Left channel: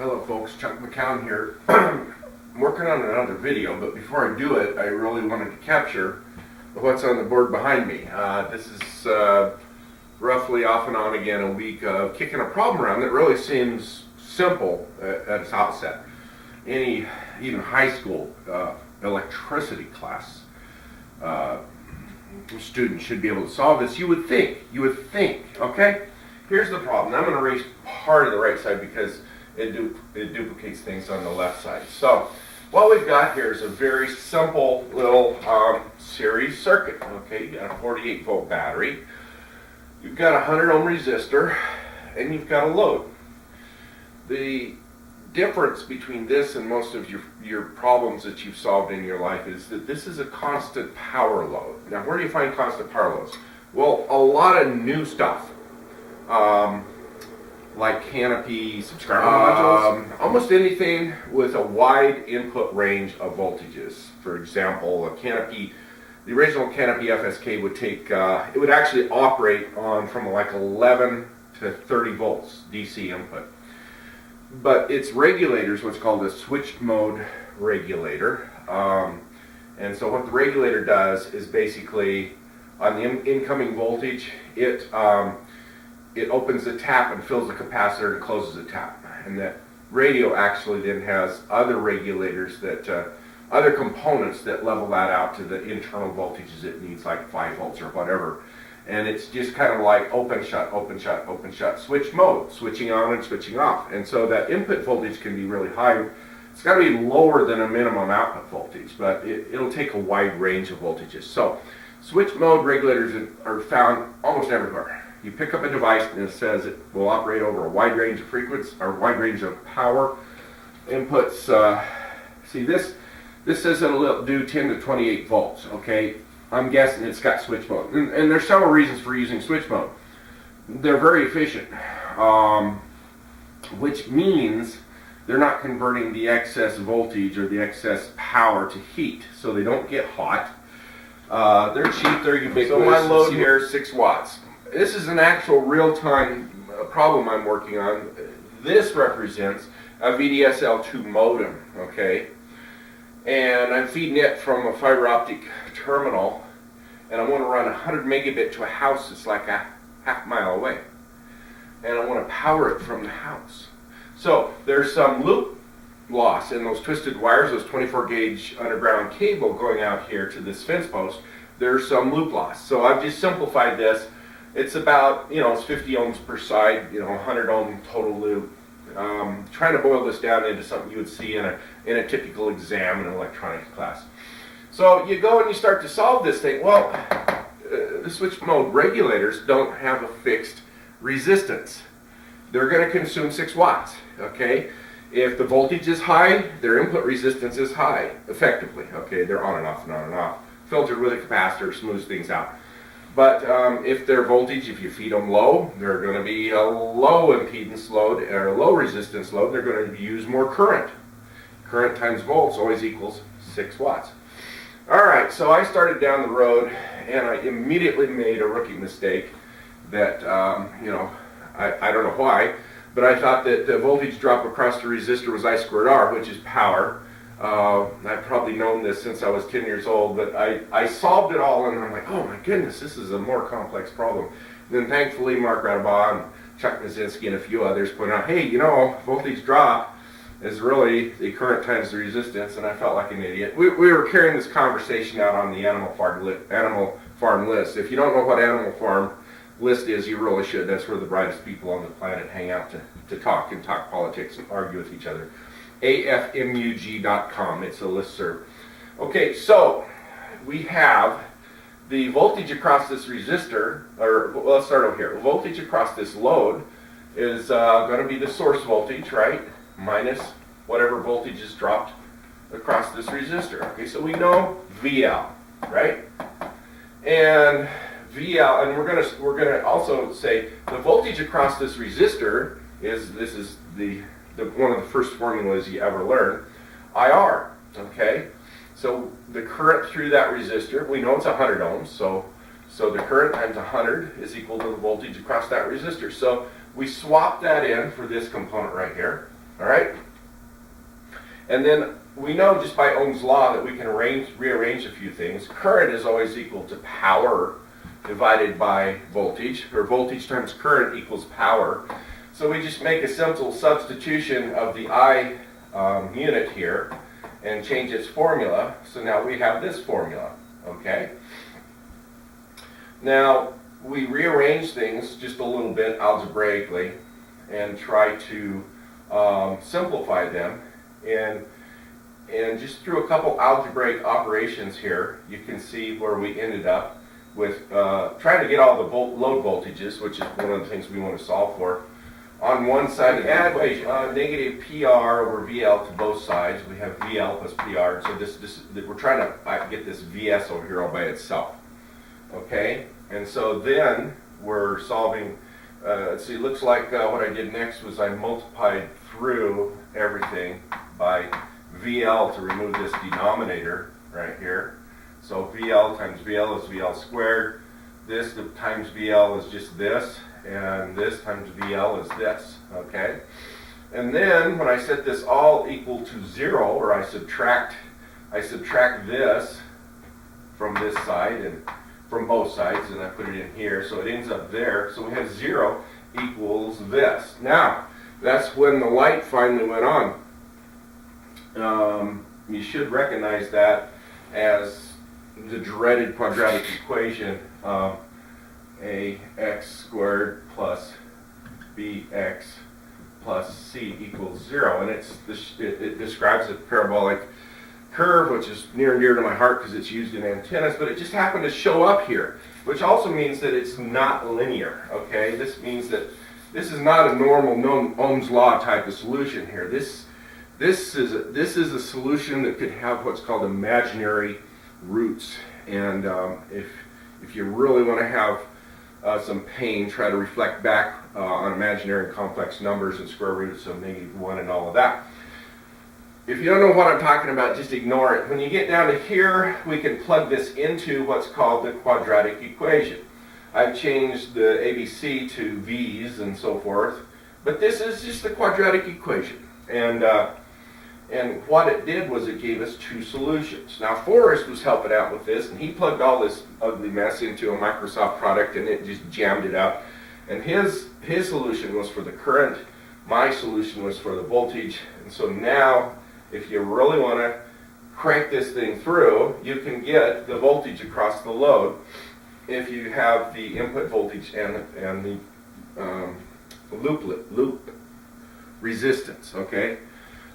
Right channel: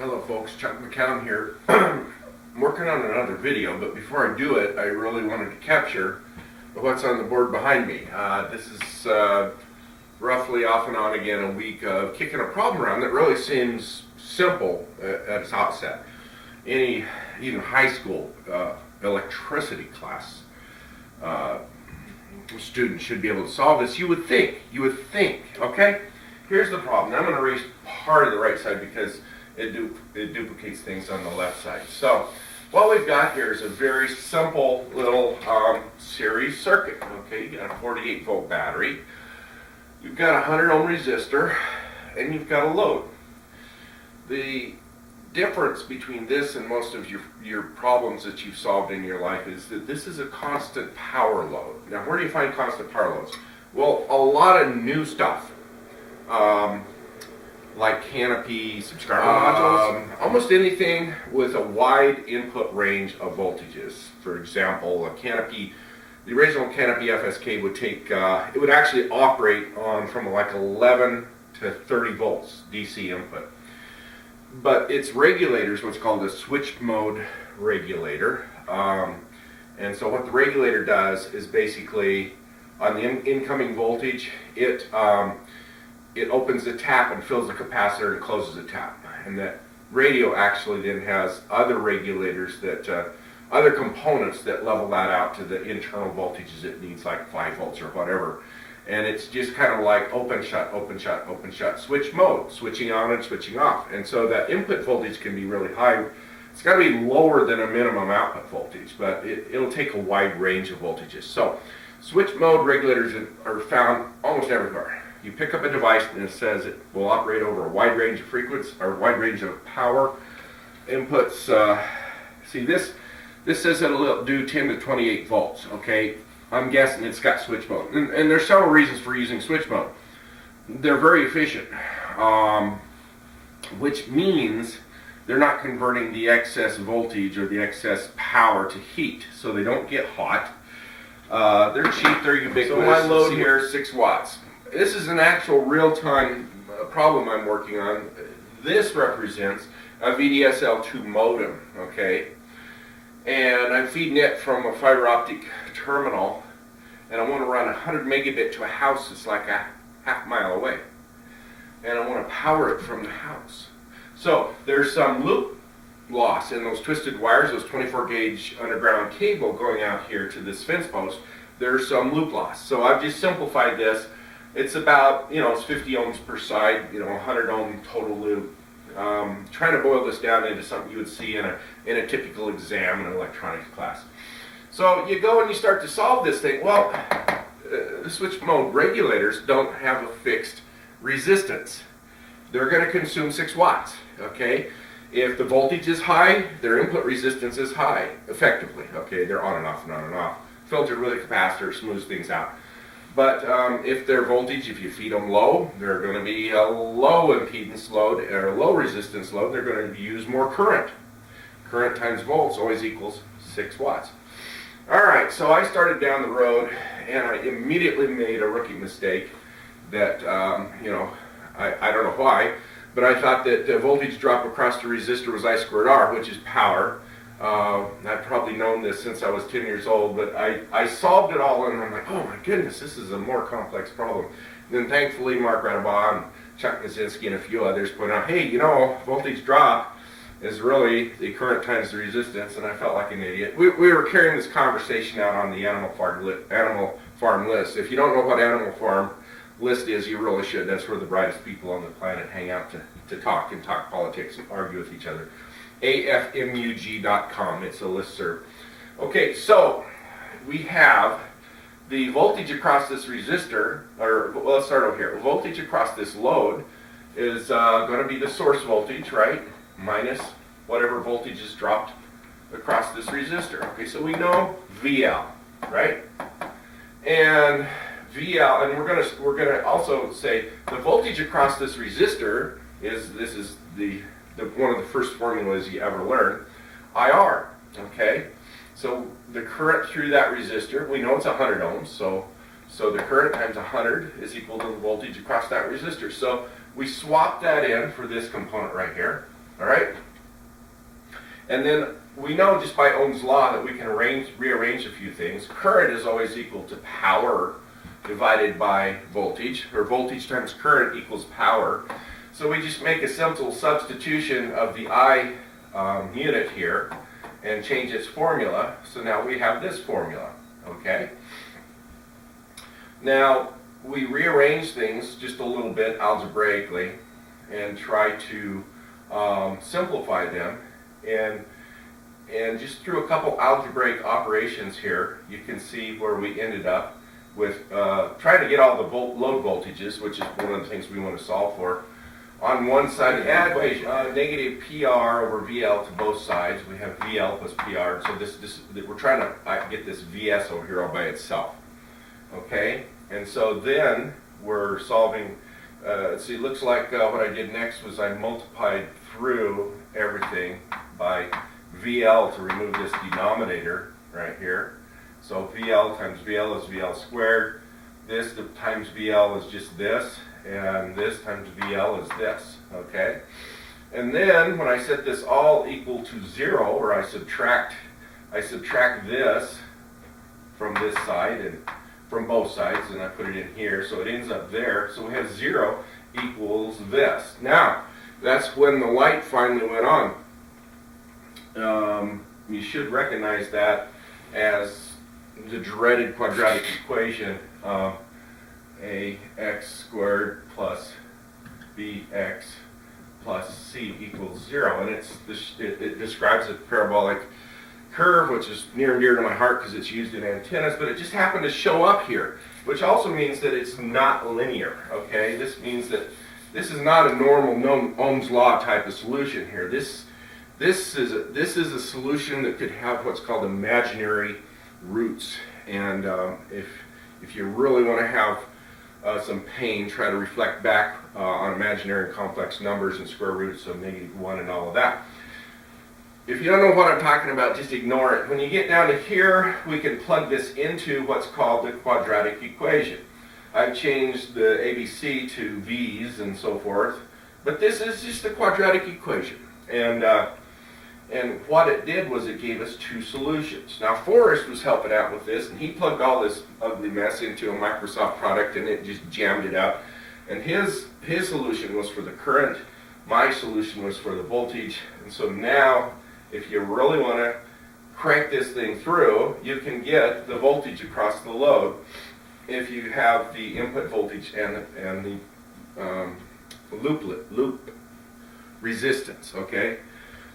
Hello folks, Chuck McCown here. I'm working on another video, but before I do it, I really wanted to capture what's on the board behind me. This is roughly off and on again a week of kicking a problem around that really seems simple at its outset. Any, even high school electricity class student should be able to solve this. You would think, okay? Here's the problem. I'm going to erase part of the right side because it duplicates things on the left side. So what we've got here is a very simple little series circuit. Okay, you got a 48 volt battery, you've got a 100 ohm resistor, and you've got a load. The difference between this and most of your problems that you've solved in your life is that this is a constant power load. Now, where do you find constant power loads? Well, a lot of new stuff. Like canopy, subscriber modules, almost anything with a wide input range of voltages. For example, a canopy, the original canopy FSK would take, it would actually operate on from like 11 to 30 volts DC input. But its regulators, what's called a switch mode regulator. And so what the regulator does is basically on the incoming voltage, it opens the tap and fills the capacitor and closes the tap. And that radio actually then has other regulators that, other components that level that out to the internal voltages it needs, like 5 volts or whatever. And it's just kind of like open, shut, open, shut, open, shut, switch mode, switching on and switching off. And so that input voltage can be really high. It's got to be lower than a minimum output voltage, but it'll take a wide range of voltages. So switch mode regulators are found almost everywhere. You pick up a device and it says it will operate over a wide range of frequency or wide range of power inputs. See, this says it'll do 10 to 28 volts. Okay, I'm guessing it's got switch mode, and there's several reasons for using switch mode. They're very efficient, which means they're not converting the excess voltage or the excess power to heat, so they don't get hot. They're cheap, they're ubiquitous. So my load here is 6 watts. This is an actual real-time problem I'm working on. This represents a VDSL2 modem, okay? And I'm feeding it from a fiber optic terminal, and I want to run 100 megabit to a house that's like a half mile away. And I want to power it from the house. So there's some loop loss in those twisted wires, those 24 gauge underground cable going out here to this fence post. There's some loop loss. So I've just simplified this. It's about, it's 50 ohms per side, 100 ohm total loop. Trying to boil this down into something you would see in a typical exam in an electronics class. So you go and you start to solve this thing. Well, the switch mode regulators don't have a fixed resistance. They're going to consume 6 watts, okay? If the voltage is high, their input resistance is high, effectively, okay? They're on and off and on and off. Filtered with a capacitor, smooths things out. But if their voltage, if you feed them low, they're going to be a low impedance load or a low resistance load. They're going to use more current. Current times volts always equals 6 watts. All right, so I started down the road, and I immediately made a rookie mistake that, I don't know why, but I thought that the voltage drop across the resistor was I squared R, which is power. I've probably known this since I was 10 years old, but I solved it all, and I'm like, oh my goodness, this is a more complex problem. And then thankfully, Mark Radabaugh and Chuck Kaczynski and a few others point out, hey, voltage drop is really the current times the resistance, and I felt like an idiot. We were carrying this conversation out on the Animal Farm list. If you don't know what Animal Farm list is, you really should. That's where the brightest people on the planet hang out to talk politics and argue with each other. AFMUG.com. It's a listserv. Okay, so we have the voltage across this resistor, or let's start over here. Voltage across this load is going to be the source voltage, right? Minus whatever voltage is dropped across this resistor. Okay, so we know VL, right? And VL, and we're gonna also say the voltage across this resistor is the one of the first formulas you ever learn, IR, okay? So the current through that resistor, we know it's 100 ohms, so the current times 100 is equal to the voltage across that resistor. So we swap that in for this component right here, All right? And then we know just by Ohm's law that we can rearrange a few things. Current is always equal to power divided by voltage, or voltage times current equals power. So we just make a simple substitution of the I unit here and change its formula. So now we have this formula, okay? Now, we rearrange things just a little bit algebraically and try to simplify them. And just through a couple algebraic operations here, you can see where we ended up with trying to get all the load voltages, which is one of the things we want to solve for. On one side, we add negative PR over VL to both sides. We have VL plus PR. So we're trying to get this VS over here all by itself. Okay? And so then we're solving, see, it looks like what I did next was I multiplied through everything by VL to remove this denominator right here. So VL times VL is VL squared. This times VL is just this. And this times VL is this, okay? And then when I set this all equal to 0, or I subtract this from this side and from both sides, and I put it in here, so it ends up there. So we have 0 equals this. Now, that's when the light finally went on. You should recognize that as the dreaded quadratic equation. AX squared plus BX plus C equals 0. And it describes a parabolic curve, which is near and dear to my heart because it's used in antennas, but it just happened to show up here, which also means that it's not linear, okay? This means that this is not a normal known Ohm's law type of solution here. This is a solution that could have what's called imaginary roots. And if you really want to have some pain, try to reflect back on imaginary and complex numbers and square roots of -1 and all of that. If you don't know what I'm talking about, just ignore it. When you get down to here, we can plug this into what's called the quadratic equation. I've changed the ABC to V's and so forth, but this is just the quadratic equation. And what it did was it gave us two solutions. Now, Forrest was helping out with this, and he plugged all this ugly mess into a Microsoft product, and it just jammed it out. And his solution was for the current. My solution was for the voltage. And so now, if you really want to crank this thing through, you can get the voltage across the load if you have the input voltage and the loop resistance, okay?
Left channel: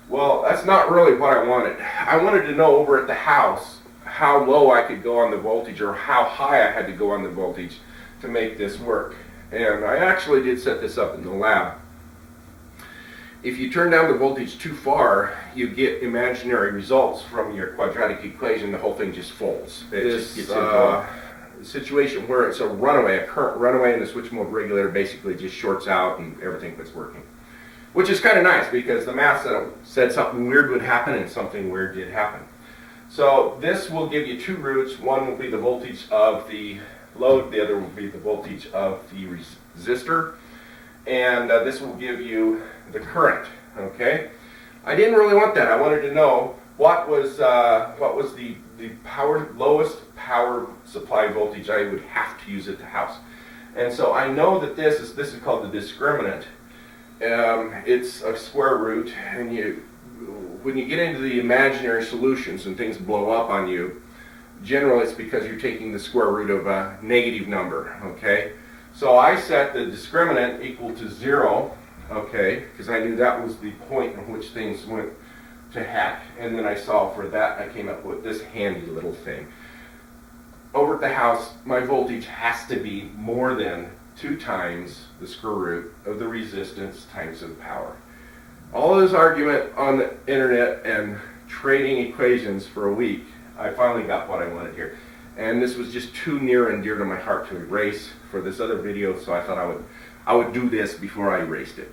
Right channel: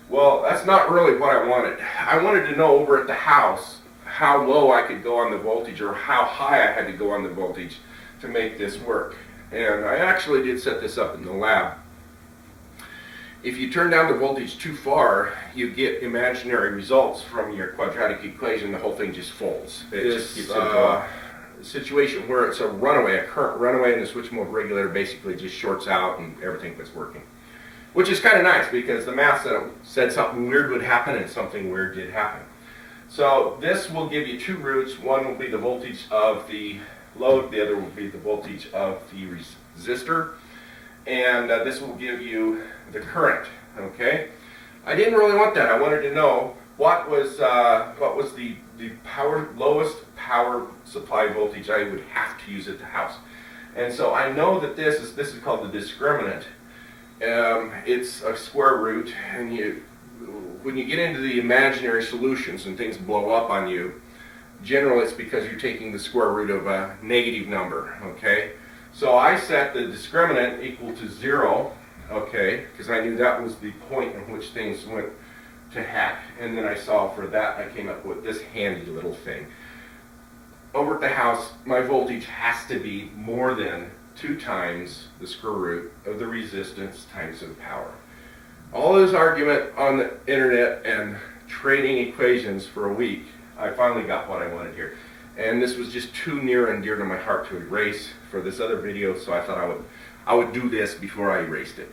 Well, that's not really what I wanted. I wanted to know over at the house how low I could go on the voltage or how high I had to go on the voltage to make this work. And I actually did set this up in the lab. If you turn down the voltage too far, you get imaginary results from your quadratic equation. The whole thing just folds. This situation where it's a current runaway, and the switch mode regulator basically just shorts out and everything quits working. Which is kind of nice because the math said something weird would happen and something weird did happen. So this will give you two roots. One will be the voltage of the load. The other will be the voltage of the resistor. And this will give you the current, okay? I didn't really want that. I wanted to know what was the lowest power supply voltage I would have to use at the house. And so I know that this is called the discriminant. It's a square root, and when you get into the imaginary solutions and things blow up on you, generally it's because you're taking the square root of a negative number, okay? So I set the discriminant equal to 0, okay, because I knew that was the point in which things went to heck, and then I solved for that. I came up with this handy little thing. Over at the house, my voltage has to be more than 2 times the square root of the resistance times the power. All this argument on the internet and trading equations for a week, I finally got what I wanted here. And this was just too near and dear to my heart to erase for this other video, so I thought I would do this before I erased it.